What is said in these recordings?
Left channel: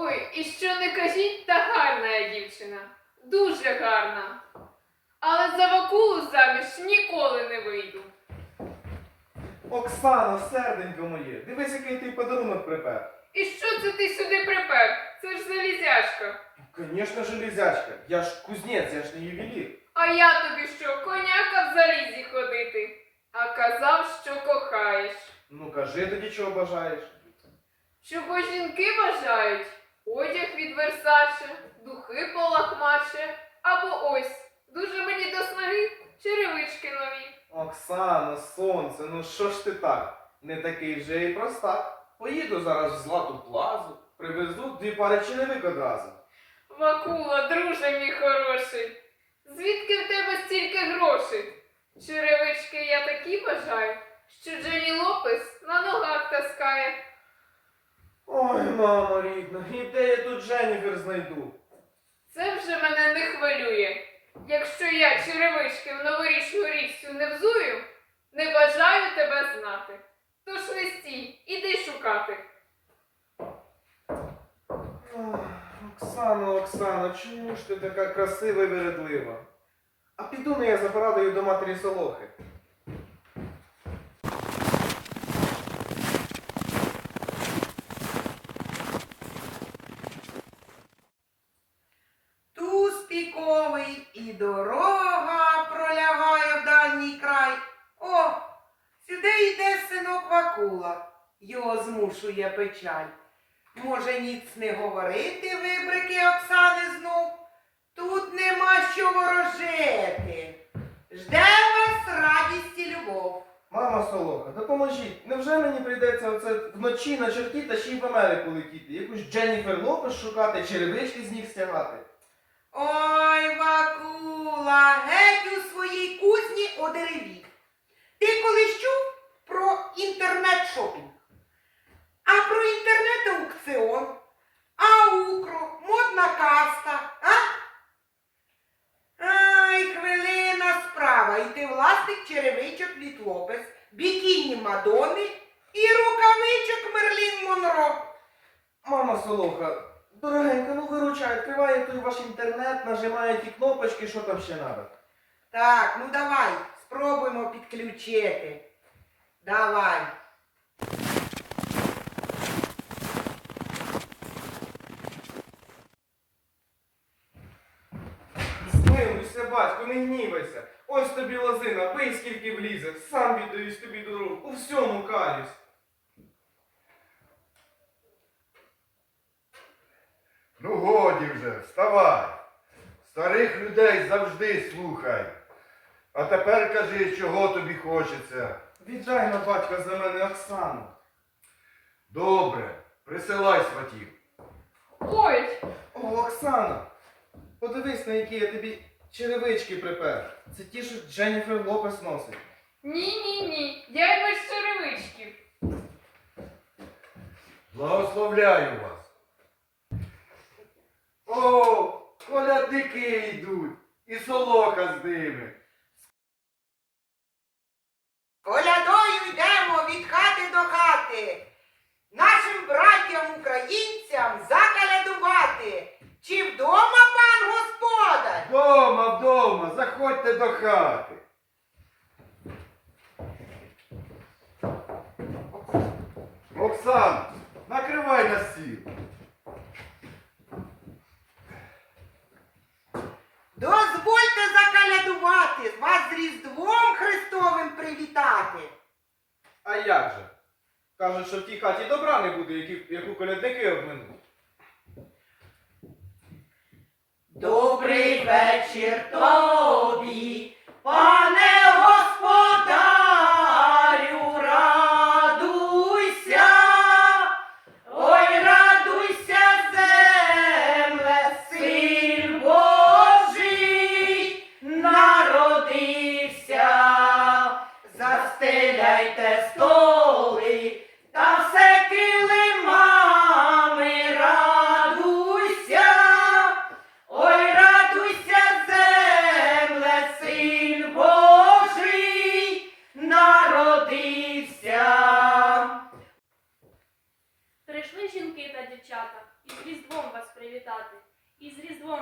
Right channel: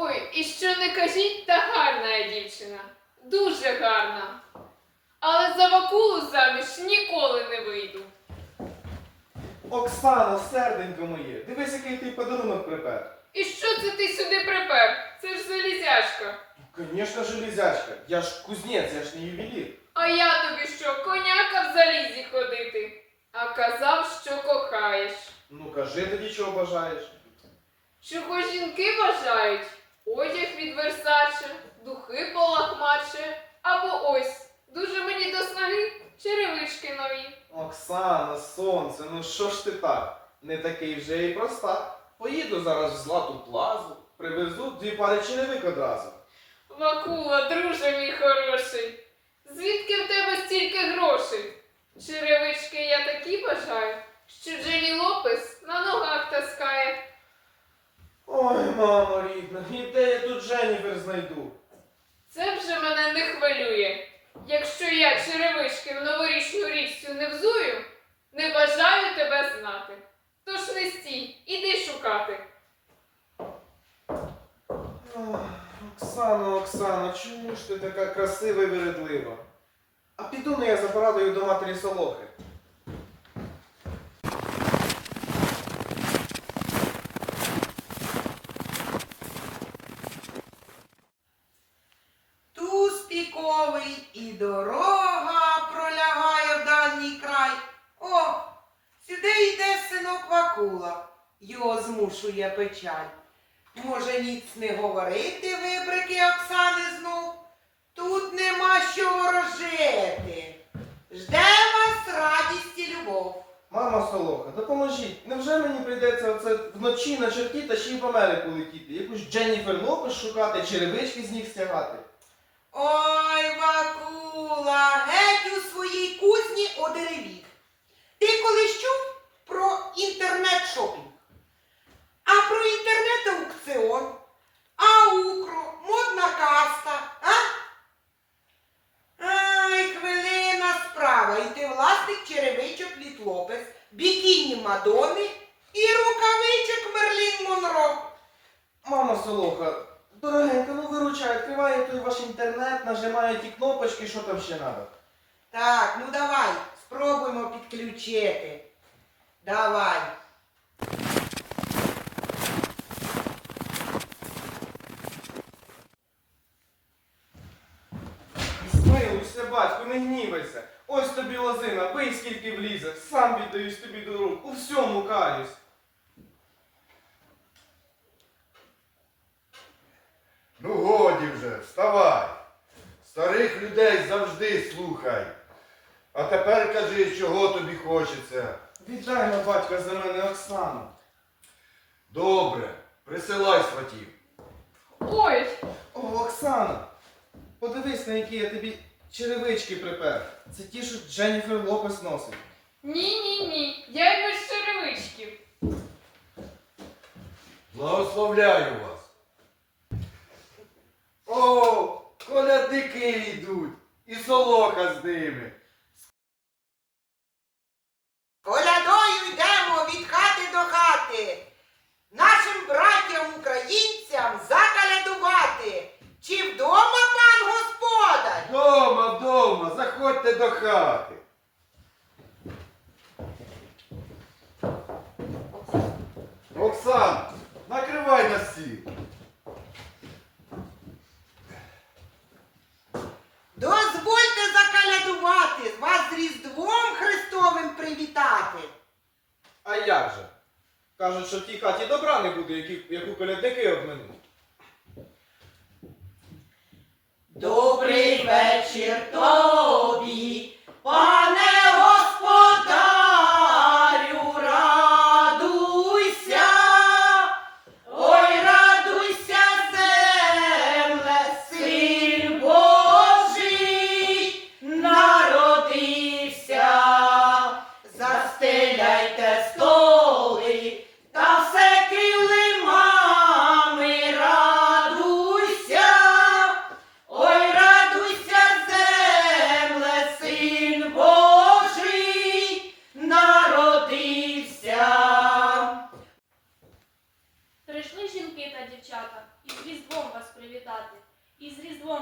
Ой, і що не кажіть, та гарна я дівчина. Дуже гарна. Але за Вакулу заміж ніколи не вийду. Оксано, серденько моє, дивись, який ти подарунок припер. І що це ти сюди припер? Це ж залізяшка. Звісно, железячка. Я ж кузнець, я ж не ювелір. А я тобі що, коняка в залізі ходити? А казав, що кохаєш. Ну кажи тоді, чого бажаєш. Чого жінки бажають? Одяг від Версаче, духи полахмаче, або ось, дуже мені до снаги, черевички нові. Оксана, сонце, ну що ж ти так? Не такий вже і простак. Поїду зараз в злату плазу, привезу дві пари черевик одразу. Вакула, друже мій хороший, звідки в тебе стільки грошей? Черевички я такі бажаю, що Джені Лопес на ногах таскає. Ой, мамо рідна, і де я тут Дженніфер знайду? Це вже мене не хвилює. Якщо я черевички в новорічну річцю не взую, не бажаю тебе знати. Тож не стій, іди шукати. Ох, Оксано, Оксано, чому ж ти така красива і вередлива? А піду не я за порадою до матері Солохи. Синок Вакула, його змушує печаль. Може, ніц не говорити вибрики Оксани знов? Тут нема що ворожити. Жде вас радість і любов. Мама Солоха, допоможіть. Невже мені прийдеться оце вночі на черті та ще й в Америку летіти? Якусь Дженніфер Лопес шукати, черевички з них стягати? Ой, Вакула, геть у своїй кузні одеревів. Ти власник черевичок від Лопес, бікіні Мадони і рукавичок Мерлін Монро. Мама Солоха, дорогенька, ну виручай, відкриває той ваш інтернет, нажимає ті кнопочки, що там ще треба. Так, ну давай, спробуємо підключити. Давай. Батько, не гнівайся. Ось тобі лозина, бий скільки влізе, сам віддаюсь тобі до рук, у всьому каюсь. Ну годі вже, вставай. Старих людей завжди слухай. А тепер кажи, чого тобі хочеться. Віддай на батька за мене Оксану. Добре, присилай сватів. Ой, О, Оксана, подивись, на які я тобі черевички припер. Це ті, що Дженніфер Лопес носить. ні, ні, ні, я й без черевичків. Благословляю вас. О, колядники йдуть. І солоха з ними. Колядою йдемо від хати до хати. Нашим братям українцям заходьте до хати. Оксан, накривай на стіл. Дозвольте закалядувати, вас з Різдвом Христовим привітати. А як же? Кажуть, що в тій хаті добра не буде, які- яку колядники обминуть. Добрий вечір тобі,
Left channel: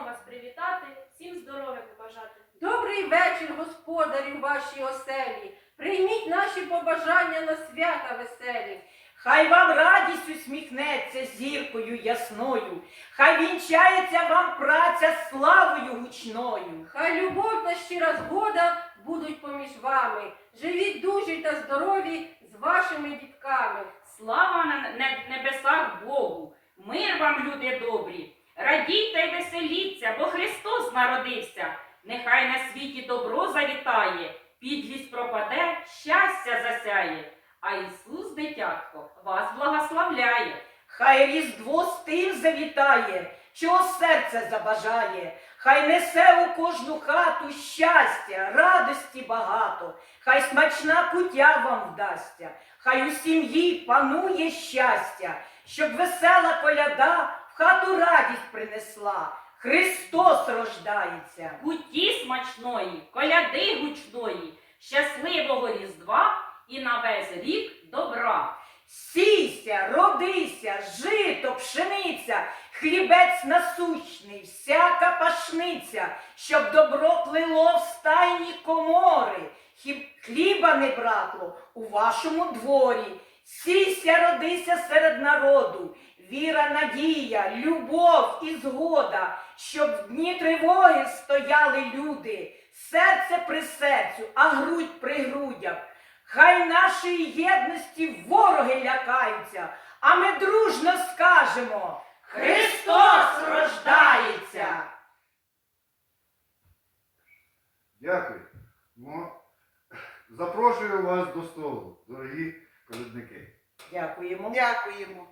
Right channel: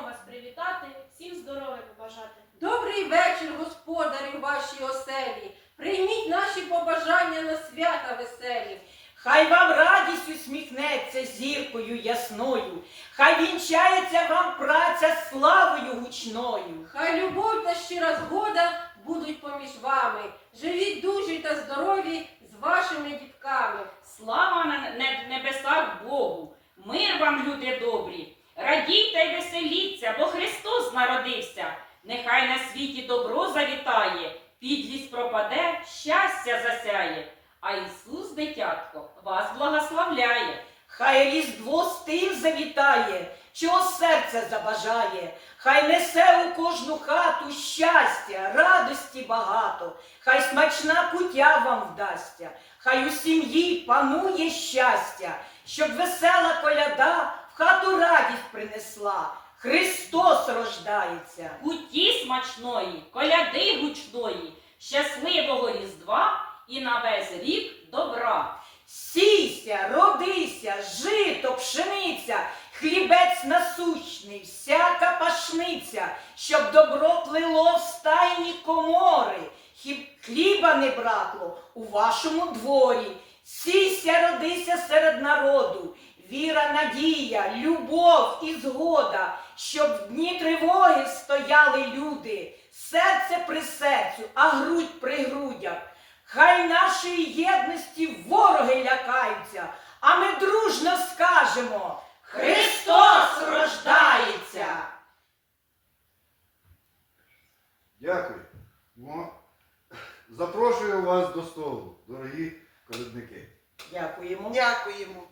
вас привітати, всім здоров'я побажати. Добрий вечір, господарю вашій оселі. Прийміть наші побажання на свята веселі. Хай вам радість усміхнеться зіркою ясною, хай вінчається вам праця славою гучною. Хай любов та щира згода будуть поміж вами. Живіть дужі та здорові з вашими дітками. Слава на вам, люди добрі! Радійте й веселіться, бо Христос народився. Нехай на світі добро завітає, підлість пропаде, щастя засяє. А Ісус, дитятко, вас благословляє. Хай різдво з тим завітає, чого серце забажає, хай несе у кожну хату щастя, радості багато, хай смачна кутя вам вдасться, хай у сім'ї панує щастя, щоб весела коляда в хату радість принесла. Христос рождається. Куті смачної, коляди гучної, щасливого Різдва і на весь рік добра. Сійся, родися, жито, пшениця, хлібець насущний, всяка пашниця, щоб добро плило в стайні комори, хліба не бракло у вашому дворі. Сійся, родися серед народу, віра, надія, любов і згода, щоб в дні тривоги стояли люди, серце при серцю, а грудь при грудях. Хай нашої єдності вороги лякаються, а ми дружно скажемо Христос рождається! Дякую. Запрошую вас до столу, дорогі колядники. Дякуємо. Дякуємо.